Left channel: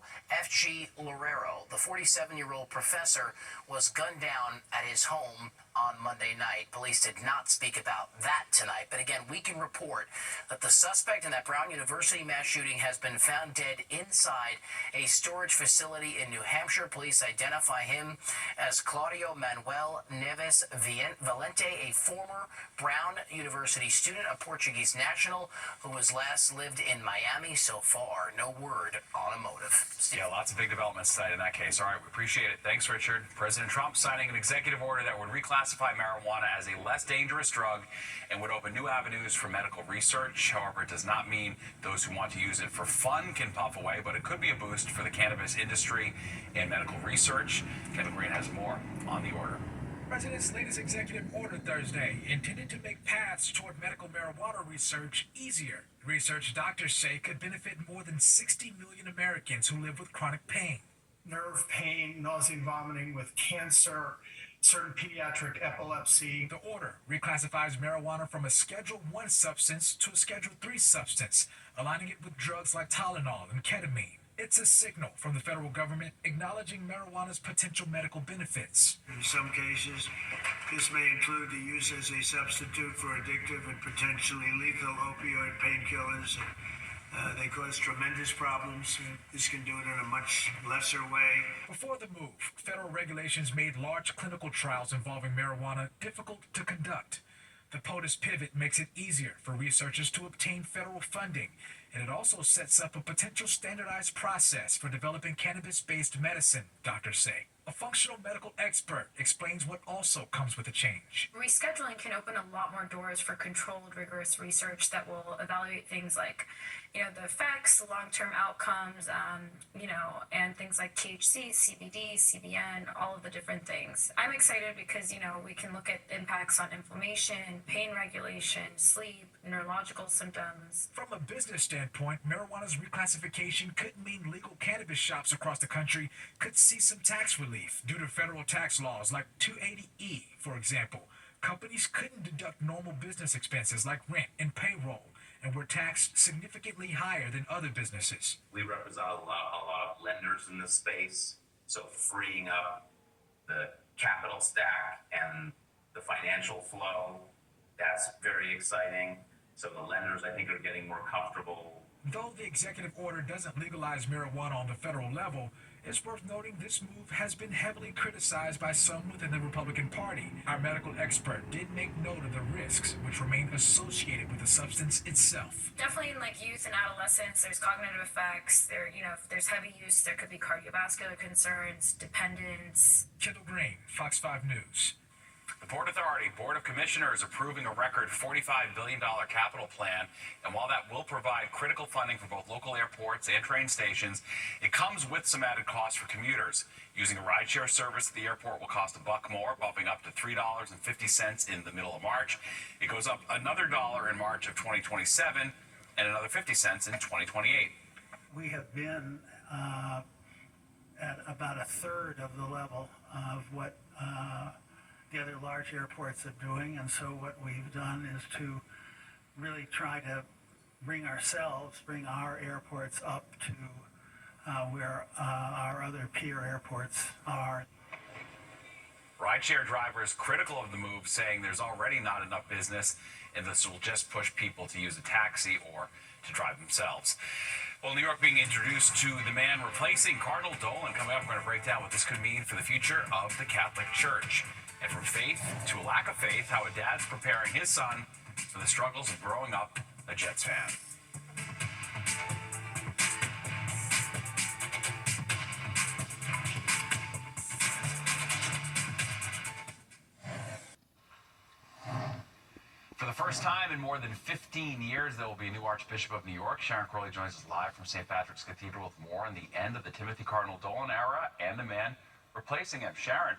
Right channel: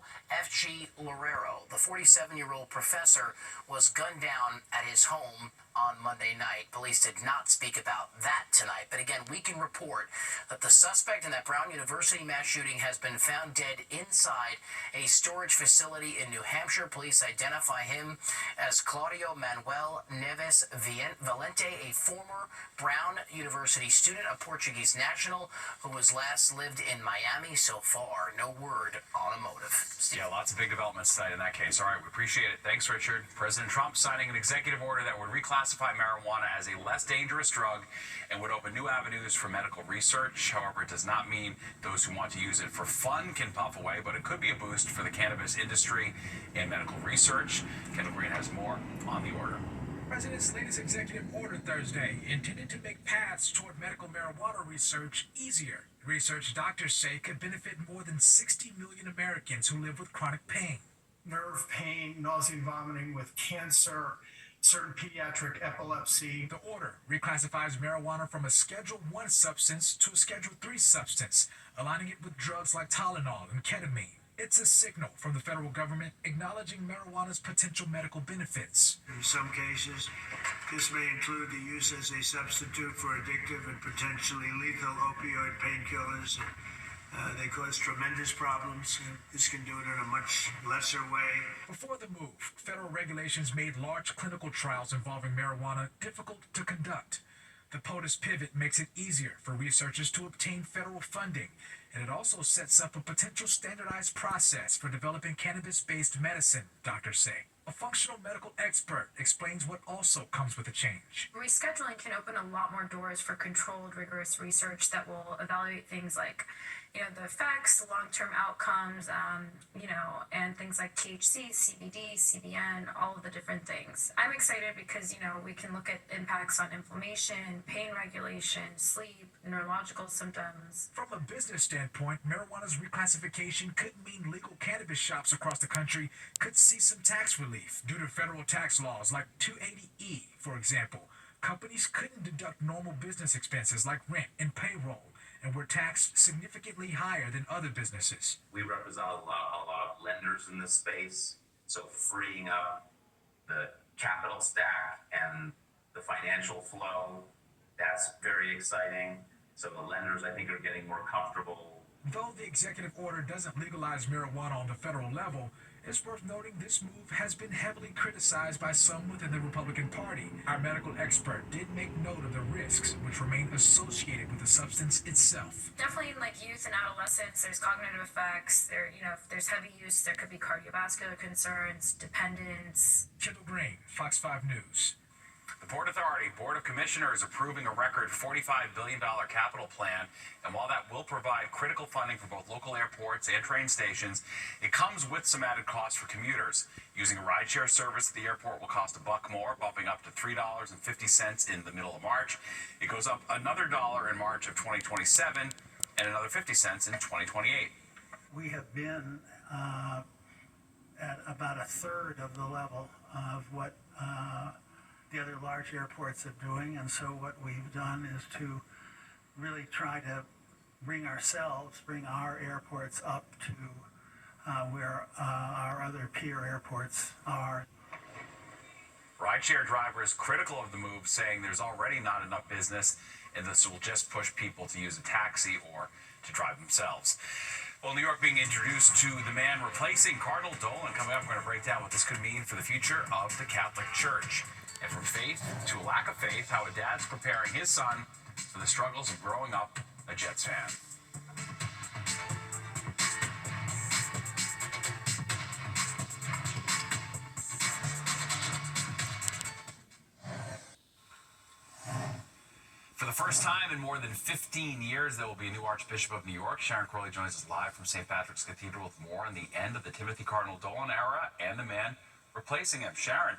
Gustavo F.G. Loureiro, the 47-year-old professor, was gunned down at his home on Monday night. Police did not speak about that tonight. But again, we can report that the suspect in that Brown University mass shooting has been found dead inside a storage facility in New Hampshire. Police identify him as Claudio Manuel Neves Valente, a former Brown University student, a Portuguese national who has last lived in Miami. So far, no word on a motive. Steve. Yeah, lots of big developments tonight in that case. All right, we appreciate it. Thanks, Richard. President Trump signing an executive order that would reclassify marijuana as a less dangerous drug and would open new avenues for medical research. However, it does not mean those who want to use it for fun can puff away, but it could be a boost for the cannabis industry and medical research. Kendall Green has more on the order. The President's latest executive order Thursday intended to make paths toward medical marijuana research easier. Research doctors say could benefit more than 60 million Americans who live with chronic pain. Nerve pain, nausea and vomiting with cancer, certain pediatric epilepsy. The order reclassifies marijuana from a Schedule I substance to a Schedule III substance, aligning it with drugs like Tylenol and ketamine. It's a signal from the federal government acknowledging marijuana's potential medical benefits. In some cases, this may include the use as a substitute for addictive and potentially lethal opioid painkillers. They cause tremendous problems. This can do it in a much lesser way. Before the move, federal regulations made large clinical trials involving marijuana difficult to conduct. The POTUS pivot makes it easier for researchers to obtain federal funding, and it also sets up a potential standardized process for developing cannabis-based medicine, doctors say. A functional medical expert explains what also comes with the change. Rescheduling can open a lot more doors for controlled, rigorous research that will evaluate things like, the effects, the long-term outcomes, and things like THC, CBD, CBN, all of the different things. I'm excited because, we can look at impacts on inflammation, pain regulation, sleep, neurological symptoms. From a business standpoint, marijuana's reclassification could mean legal cannabis shops across the country could see some tax relief due to federal tax laws like 280E, for example. Companies couldn't deduct normal business expenses like rent and payroll, and were taxed significantly higher than other businesses. We represent a lot of lenders in this space, so freeing up the capital stack and the financial flow, that's very exciting. So the lenders, I think, are getting more comfortable. Though the executive order doesn't legalize marijuana on the federal level, it's worth noting this move has been heavily criticized by some within the Republican Party. Our medical expert did make note of the risks which remain associated with the substance itself. Definitely in youth and adolescence, there's cognitive effects. If there's heavy use, there could be cardiovascular concerns, dependence. Kendall Green, Fox 5 News. The Port Authority Board of Commissioners approving a record $45 billion capital plan, and while that will provide critical funding for both local airports and train stations, it comes with some added costs for commuters. Using a rideshare service at the airport will cost $1 more, bumping up to $3.50 in the middle of March. It goes up another $1 in March of 2027 and another 50 cents in 2028. We have been at about a third of the level of what the other large airports are doing, and so what we've done is to really try to bring our airports up to where our other peer airports are. Rideshare drivers critical of the move, saying there's already not enough business and this will just push people to use a taxi or to drive themselves. Well, New York being introduced to the man replacing Cardinal Dolan. Coming up, we're going to break down what this could mean for the future of the Catholic Church. And from faith to a lack of faith, how a dad's preparing his son for the struggles of growing up a Jets fan. For the first time in more than 15 years, there will be a new Archbishop of New York. Sharon Crowley joins us live from St. Patrick's Cathedral with more on the end of the Timothy Cardinal Dolan era and the man replacing him. Sharon.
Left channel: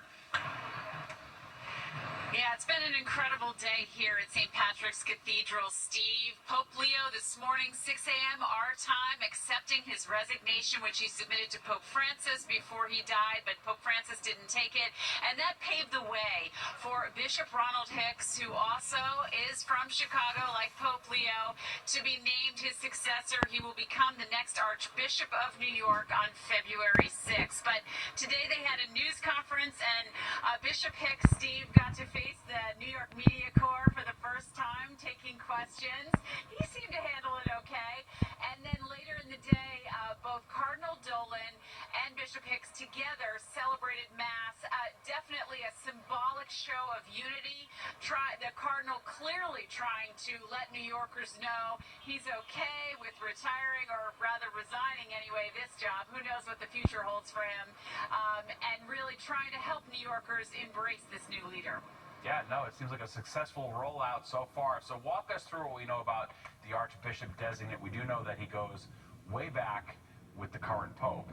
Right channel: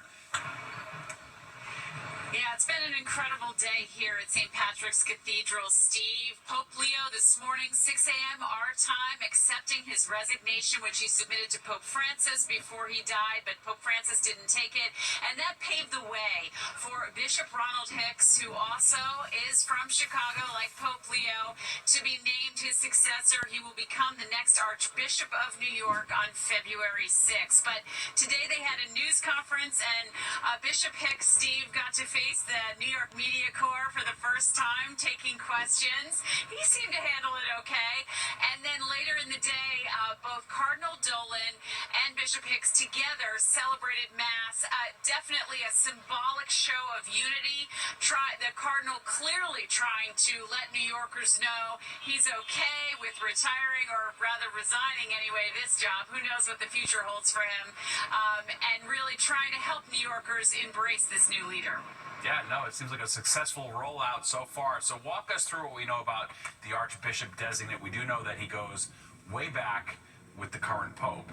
Yeah, it's been an incredible day here at St. Patrick's Cathedral, Steve. Pope Leo this morning, 6 a.m. our time, accepting his resignation, which he submitted to Pope Francis before he died, but Pope Francis didn't take it. And that paved the way for Bishop Ronald Hicks, who also is from Chicago, like Pope Leo, to be named his successor. He will become the next Archbishop of New York on February 6th. But today they had a news conference, and Bishop Hicks, Steve, got to face the New York Media Corps for the first time, taking questions. He seemed to handle it okay. And then later in the day, both Cardinal Dolan and Bishop Hicks together celebrated Mass. Definitely a symbolic show of unity. The Cardinal clearly trying to let New Yorkers know he's okay with retiring, or rather resigning anyway, this job. Who knows what the future holds for him. And really trying to help New Yorkers embrace this new leader. Yeah, no, it seems like a successful rollout so far. So walk us through what we know about the Archbishop designate. We do know that he goes way back with the current Pope.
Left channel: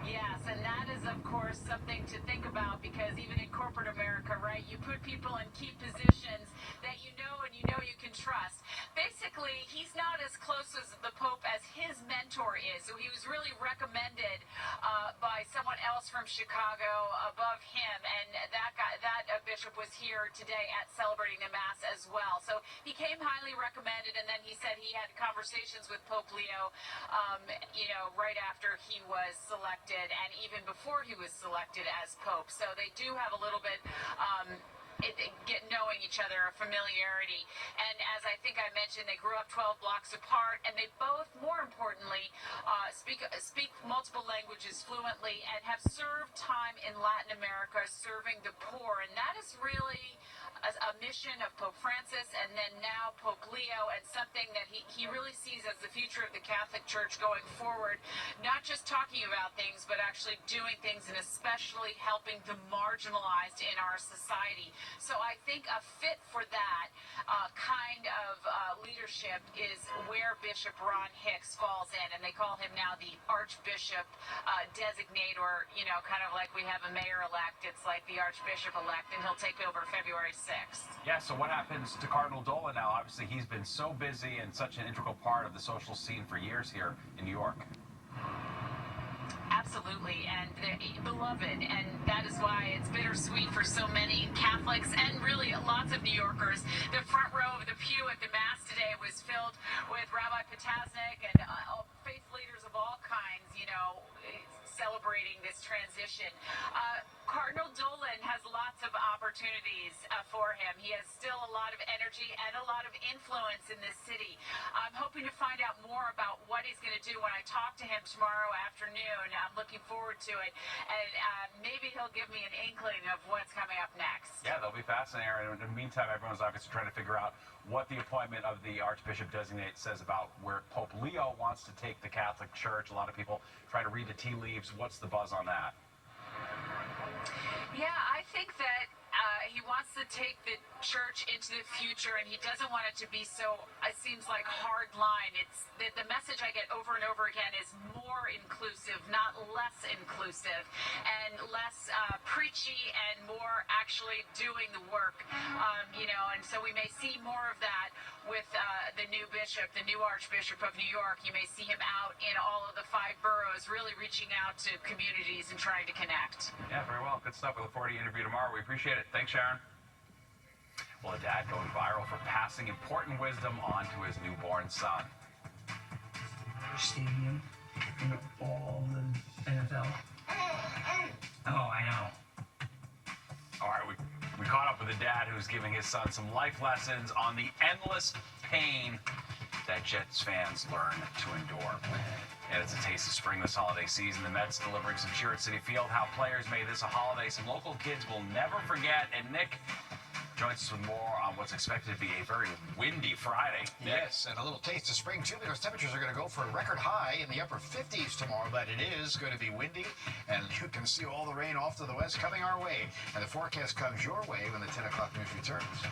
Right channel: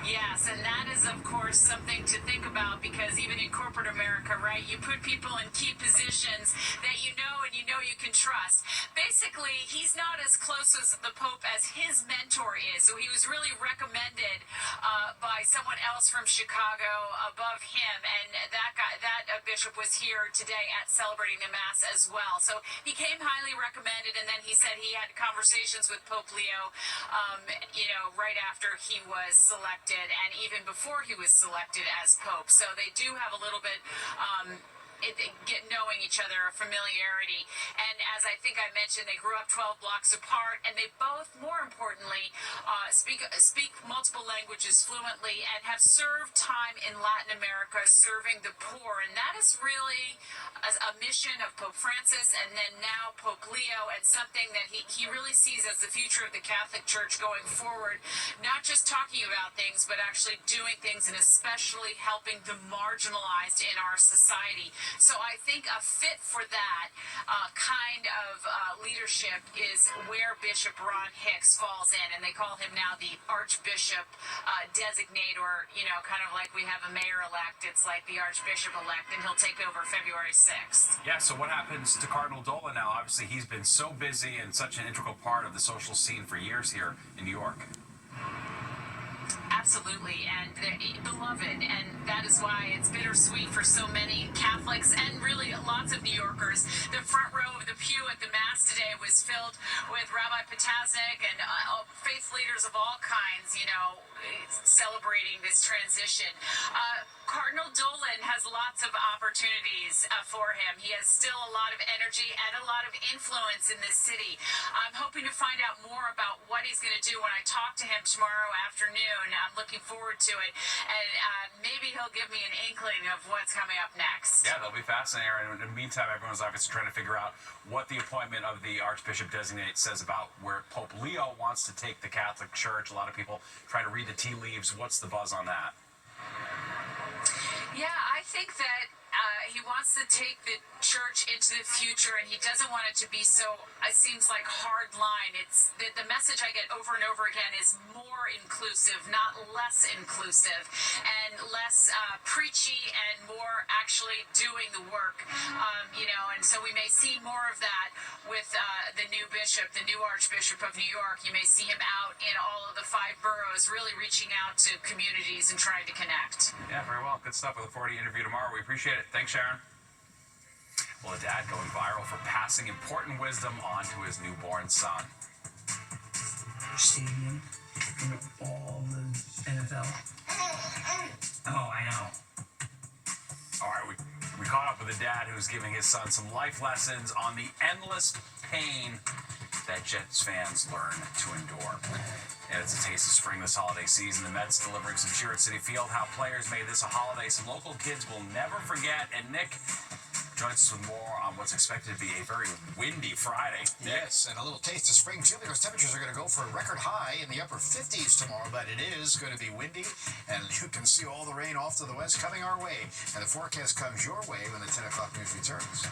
Yes, and that is, of course, something to think about, because even in corporate America, right, you put people in key positions that you know and you know you can trust. Basically, he's not as close as the Pope as his mentor is, so he was really recommended by someone else from Chicago above him, and that bishop was here today at celebrating the Mass as well. So he came highly recommended, and then he said he had conversations with Pope Leo, right after he was selected, and even before he was selected as Pope. So they do have a little bit knowing each other, a familiarity. And as I think I mentioned, they grew up 12 blocks apart, and they both, more importantly, speak multiple languages fluently and have served time in Latin America serving the poor. And that is really a mission of Pope Francis, and then now Pope Leo, and something that he really sees as the future of the Catholic Church going forward. Not just talking about things, but actually doing things, and especially helping the marginalized in our society. So I think a fit for that kind of leadership is where Bishop Ron Hicks falls in, and they call him now the Archbishop designate, or kind of like we have a mayor-elect, it's like the Archbishop-elect, and he'll take over February 6th. Yeah, so what happens to Cardinal Dolan now? Obviously, he's been so busy and such an integral part of the social scene for years here in New York. Absolutely, and beloved, and that is why it's bittersweet for so many Catholics and really lots of New Yorkers. The front row of the pew at the Mass today was filled with Rabbi Potasnik and faith leaders of all kinds, celebrating this transition. Cardinal Dolan has lots of opportunities for him. He has still a lot of energy and a lot of influence in this city. I'm hoping to find out more about what he's going to do when I talk to him tomorrow afternoon. I'm looking forward to it, and maybe he'll give me an inkling of what's coming up next. Yeah, that'll be fascinating. In the meantime, everyone's obviously trying to figure out what the appointment of the Archbishop designate says about where Pope Leo wants to take the Catholic Church. A lot of people try to read the tea leaves. What's the buzz on that? Yeah, I think that he wants to take the church into the future, and he doesn't want it to be so, it seems like, hard line. It's the message I get over and over again is more inclusive, not less inclusive, and less preachy and more actually doing the work, and so we may see more of that with the new bishop, the new Archbishop of New York. You may see him out in all of the 5 boroughs, really reaching out to communities and trying to connect. Yeah, very well. Good stuff. We look forward to the interview tomorrow. We appreciate it. Thanks, Sharon. Well, a dad going viral for passing important wisdom on to his newborn son. Stadium, all the NFL. Oh, I know. All right, we caught up with a dad who's giving his son some life lessons on the endless pain that Jets fans learn to endure. And it's a taste of spring this holiday season. The Mets delivering some cheer at City Field. How players made this a holiday some local kids will never forget. And Nick joins us with more on what's expected to be a very windy Friday. Nick? Yes, and a little taste of spring, too, because temperatures are going to go for a record high in the upper 50s tomorrow, but it is going to be windy, and you can see all the rain off to the west coming our way. And the forecast comes your way when the 10 o'clock news returns.